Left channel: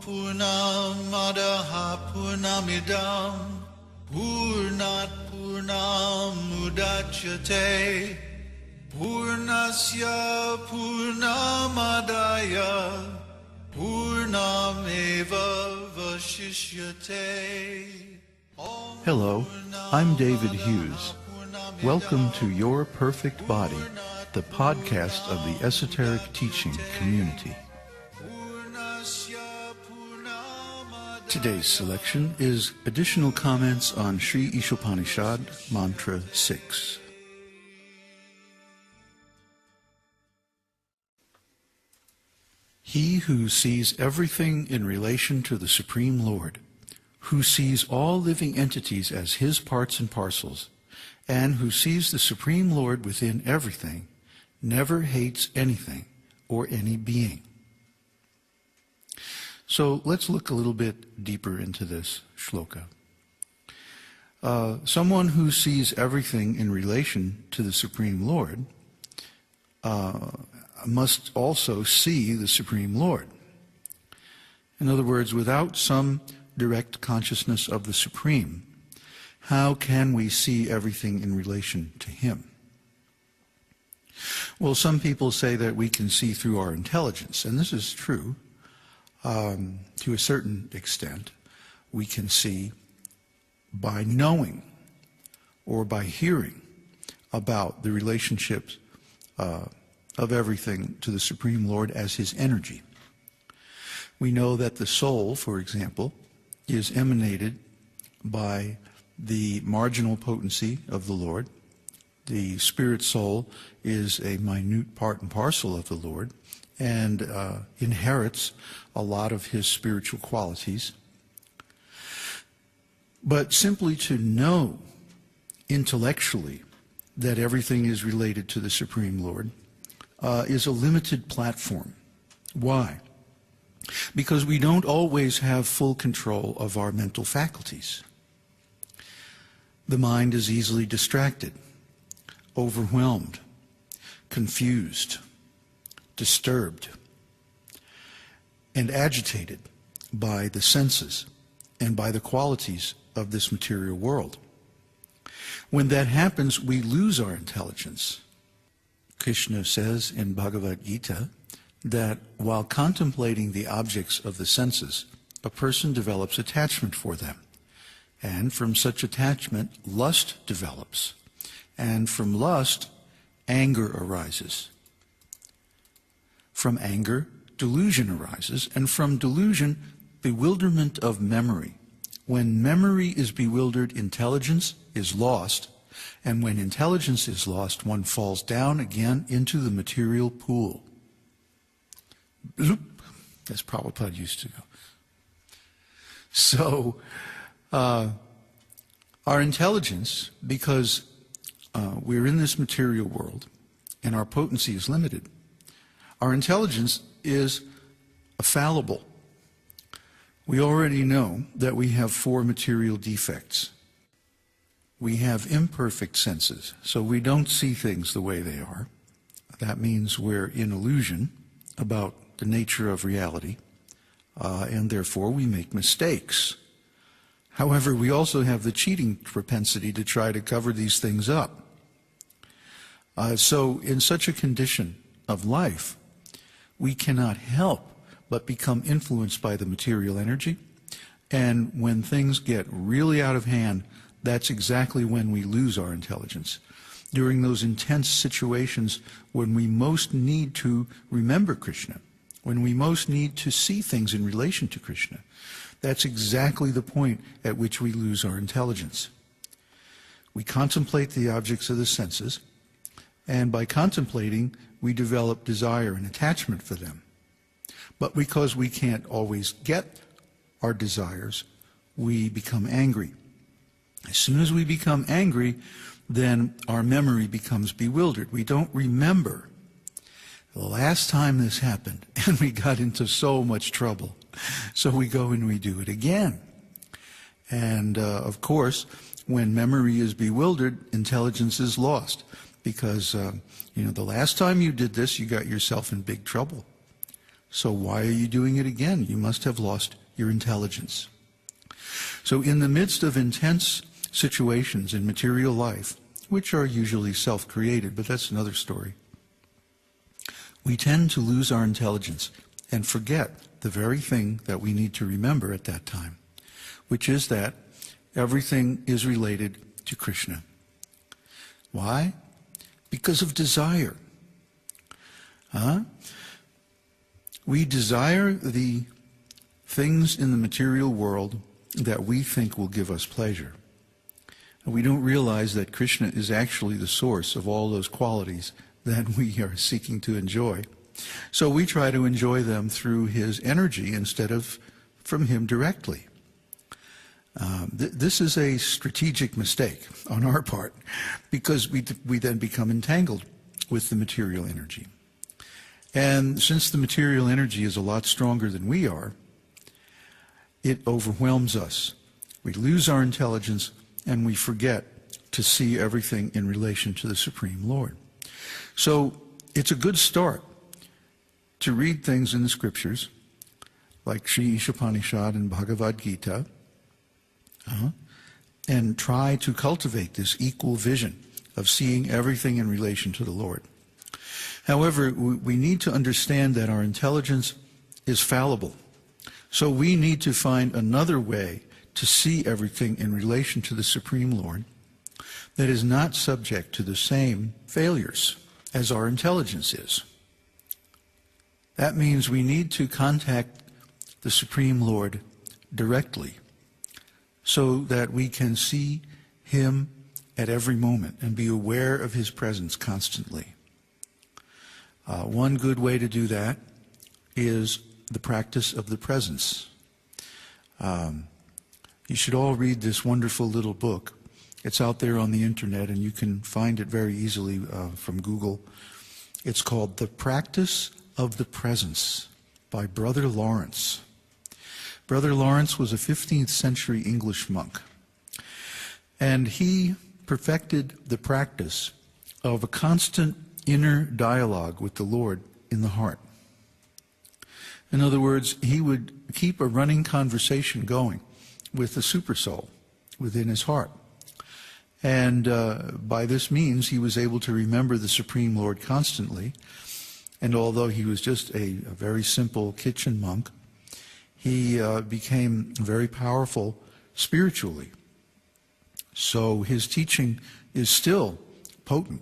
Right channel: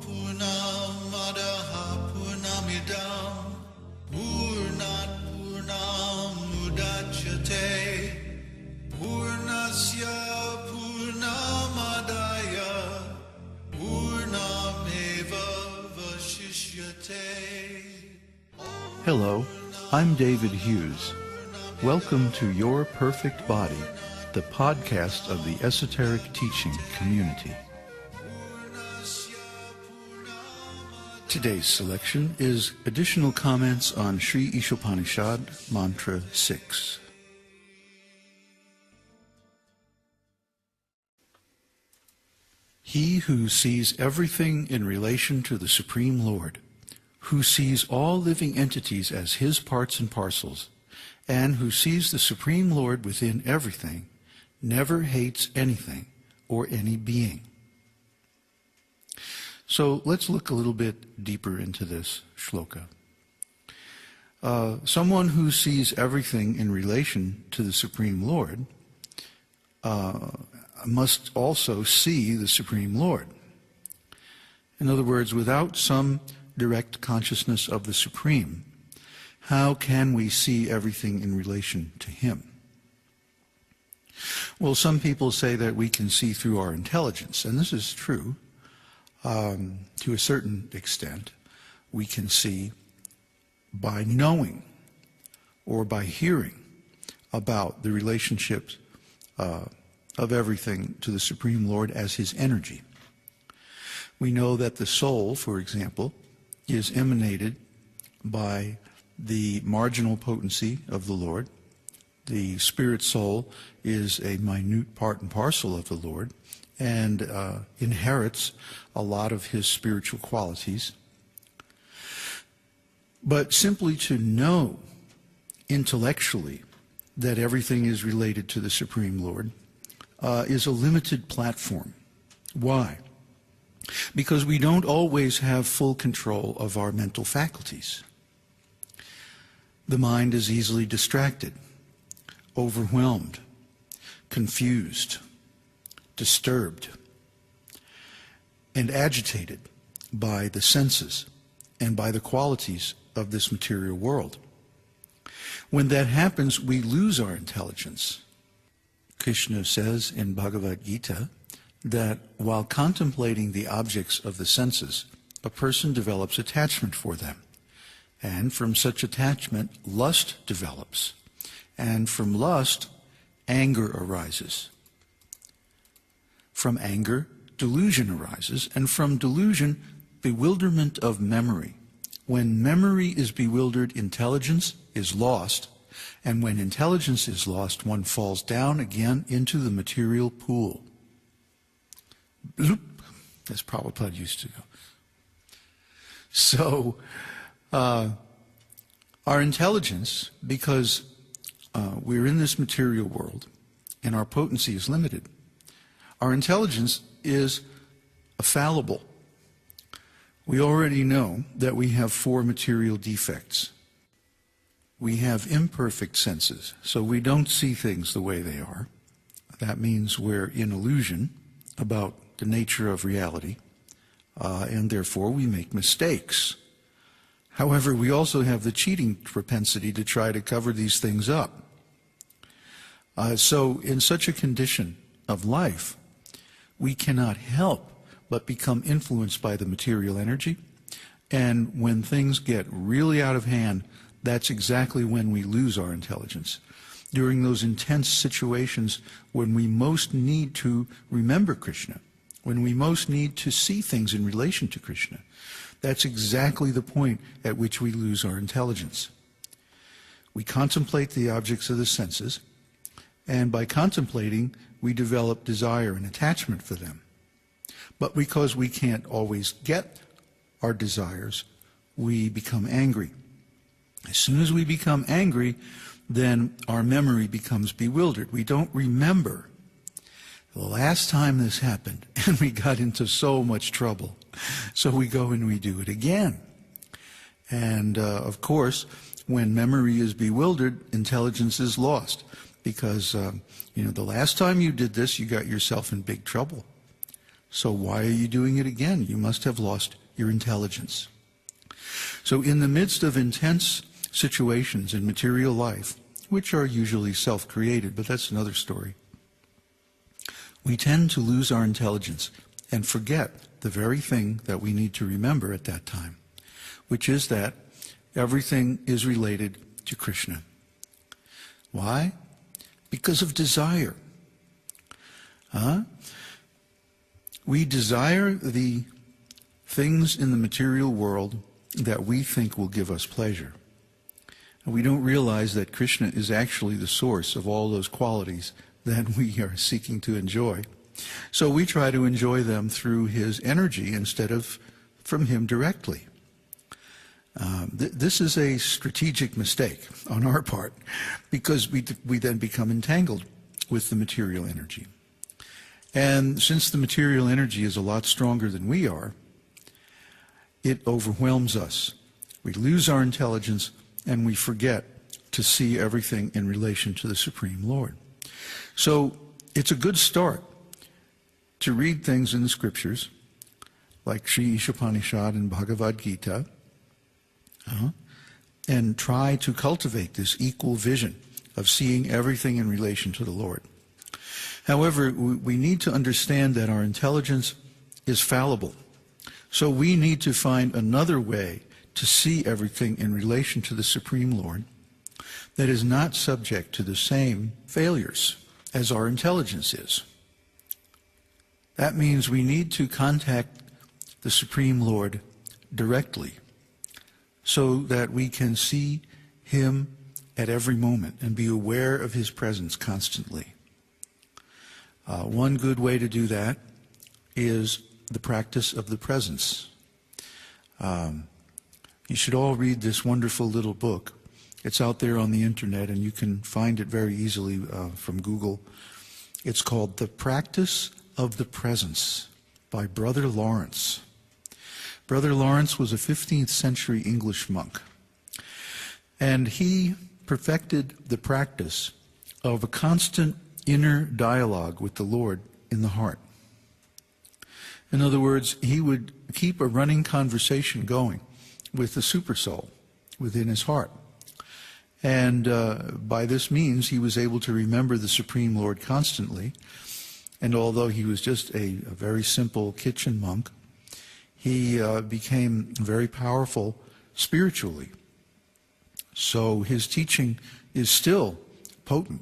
Purnamadaha Purnamidam Purnat Purnamudachyate Purnasya Purnamadaya Purnameva Vashishyate. Hello, I'm David Hughes. Welcome to Your Perfect Body, the podcast of the Esoteric Teaching Community. Today's selection is additional comments on Śrīmad-Bhāgavatam, Mantra 6. He who sees everything in relation to the Supreme Lord, who sees all living entities as his parts and parcels, and who sees the Supreme Lord within everything, never hates anything or any being. So let's look a little bit deeper into this shloka. Someone who sees everything in relation to the Supreme Lord must also see the Supreme Lord. In other words, without some direct consciousness of the Supreme, how can we see everything in relation to Him? Well, some people say that we can see through our intelligence, and this is true. To a certain extent, we can see by knowing or by hearing about the relationships of everything to the Supreme Lord as His energy. We know that the soul, for example, is emanated by the marginal potency of the Lord. The spirit soul is a minute part and parcel of the Lord and inherits a lot of His spiritual qualities. But simply to know intellectually that everything is related to the Supreme Lord is a limited platform. Why? Because we don't always have full control of our mental faculties. The mind is easily distracted, overwhelmed, confused, disturbed, and agitated by the senses and by the qualities of this material world. When that happens, we lose our intelligence. Krishna says in Bhagavad-gītā that while contemplating the objects of the senses, a person develops attachment for them. And from such attachment, lust develops. And from lust, anger arises. From anger, delusion arises. And from delusion, bewilderment of memory. When memory is bewildered, intelligence is lost. And when intelligence is lost, one falls down again into the material pool. Bloop, as Prabhupada used to go. So, our intelligence, because we're in this material world and our potency is limited, our intelligence is fallible. We already know that we have 4 material defects. We have imperfect senses, so we don't see things the way they are. That means we're in illusion about the nature of reality, and therefore we make mistakes. However, we also have the cheating propensity to try to cover these things up. So in such a condition of life, we cannot help but become influenced by the material energy. And when things get really out of hand, that's exactly when we lose our intelligence. During those intense situations when we most need to remember Krishna, when we most need to see things in relation to Krishna, that's exactly the point at which we lose our intelligence. We contemplate the objects of the senses, and by contemplating, we develop desire and attachment for them. But because we can't always get our desires, we become angry. As soon as we become angry, then our memory becomes bewildered. We don't remember the last time this happened, and we got into so much trouble. So we go and we do it again. And of course, when memory is bewildered, intelligence is lost. Because, the last time you did this, you got yourself in big trouble. So why are you doing it again? You must have lost your intelligence. So in the midst of intense situations in material life, which are usually self-created, but that's another story, we tend to lose our intelligence and forget the very thing that we need to remember at that time, which is that everything is related to Krishna. Why? Because of desire. We desire the things in the material world that we think will give us pleasure. And we don't realize that Krishna is actually the source of all those qualities that we are seeking to enjoy. So we try to enjoy them through his energy instead of from him directly. This is a strategic mistake on our part, because we then become entangled with the material energy. And since the material energy is a lot stronger than we are, it overwhelms us. We lose our intelligence and we forget to see everything in relation to the Supreme Lord. So it's a good start to read things in the scriptures, like Īśopaniṣad and Bhagavad-gītā, and try to cultivate this equal vision of seeing everything in relation to the Lord. However, we need to understand that our intelligence is fallible. So we need to find another way to see everything in relation to the Supreme Lord that is not subject to the same failures as our intelligence is. That means we need to contact the Supreme Lord directly so that we can see him at every moment and be aware of his presence constantly. One good way to do that is the practice of the presence. You should all read this wonderful little book. It's out there on the internet, and you can find it very easily from Google. It's called The Practice of the Presence by Brother Lawrence. Brother Lawrence was a 15th century English monk, and he perfected the practice of a constant inner dialogue with the Lord in the heart. In other words, he would keep a running conversation going with the supersoul within his heart. And by this means, he was able to remember the Supreme Lord constantly. And although he was just a very simple kitchen monk, he became very powerful spiritually. So his teaching is still potent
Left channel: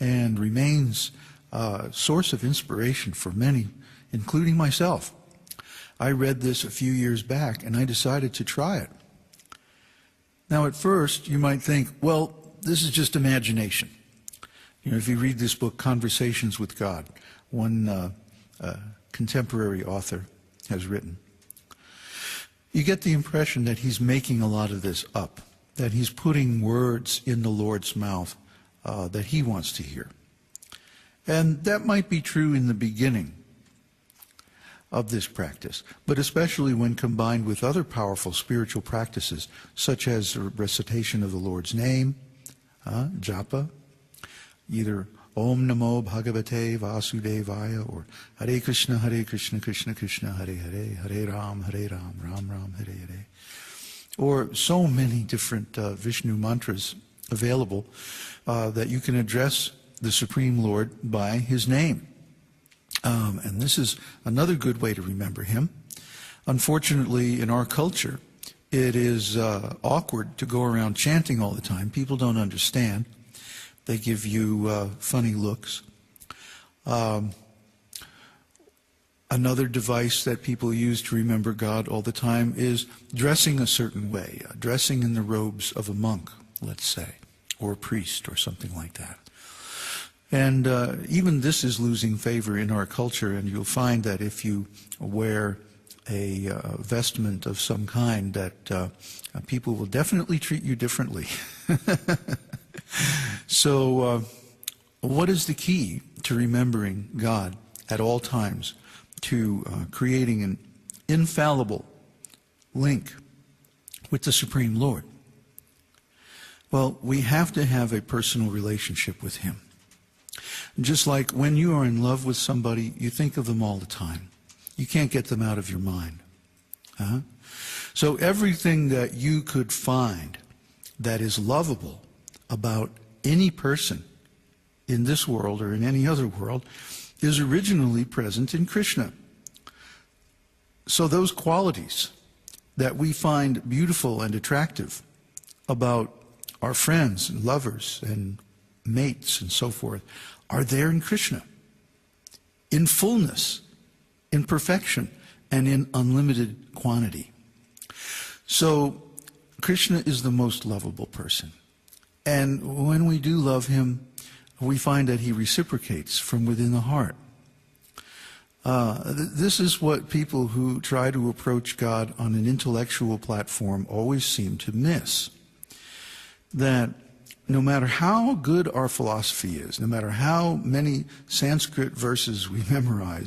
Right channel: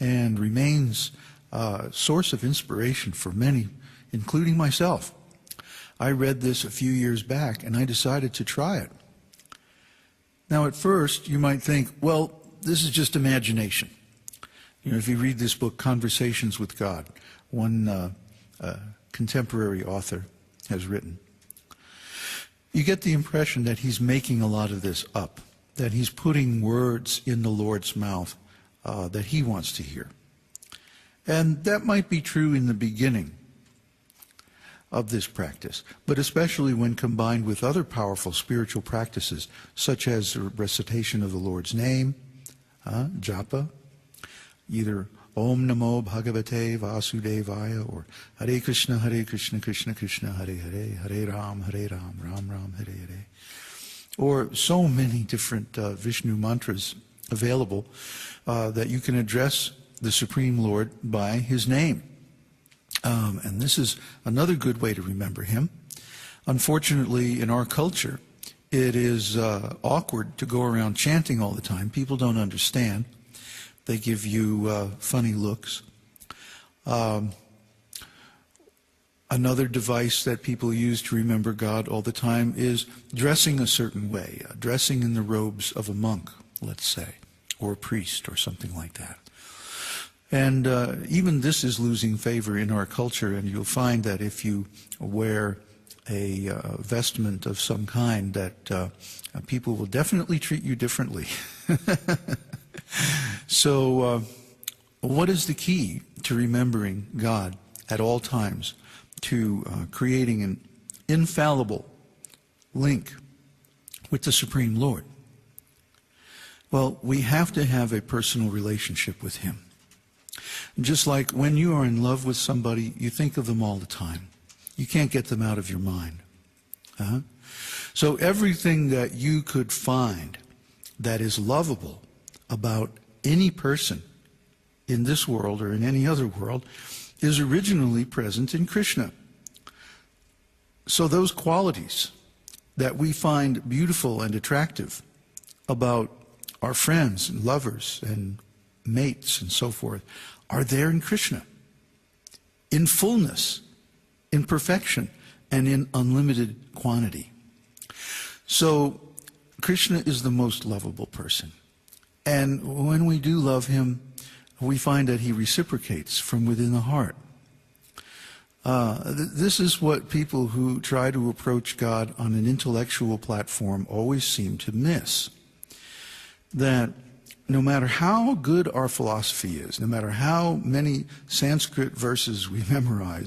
and remains a source of inspiration for many, including myself. I read this a few years back, and I decided to try it. Now, at first, you might think, well, this is just imagination. You know, if you read this book, Conversations with God, one contemporary author has written, you get the impression that he's making a lot of this up, that he's putting words in the Lord's mouth that he wants to hear. And that might be true in the beginning of this practice, but especially when combined with other powerful spiritual practices, such as the recitation of the Lord's name, japa, either Om Namo Bhagavate Vasudevaya, or Hare Krishna, Krishna Krishna, Hare Hare, Hare Ram, Ram Ram, Hare Hare. Or so many different Vishnu mantras available that you can address the Supreme Lord by his name. And this is another good way to remember him. Unfortunately, in our culture, it is awkward to go around chanting all the time. People don't understand. They give you funny looks. Another device that people use to remember God all the time is dressing a certain way, dressing in the robes of a monk, let's say, or a priest or something like that. And even this is losing favor in our culture, and you'll find that if you wear a vestment of some kind, that people will definitely treat you differently. So what is the key to remembering God at all times, to creating an infallible link with the Supreme Lord? Well, we have to have a personal relationship with him. Just like when you are in love with somebody, you think of them all the time. You can't get them out of your mind. So everything that you could find that is lovable about any person in this world or in any other world is originally present in Krishna. So those qualities that we find beautiful and attractive about our friends and lovers and mates and so forth are there in Krishna, in fullness, in perfection, and in unlimited quantity. So Krishna is the most lovable person. And when we do love him, we find that he reciprocates from within the heart. This is what people who try to approach God on an intellectual platform always seem to miss. That no matter how good our philosophy is, no matter how many Sanskrit verses we memorize,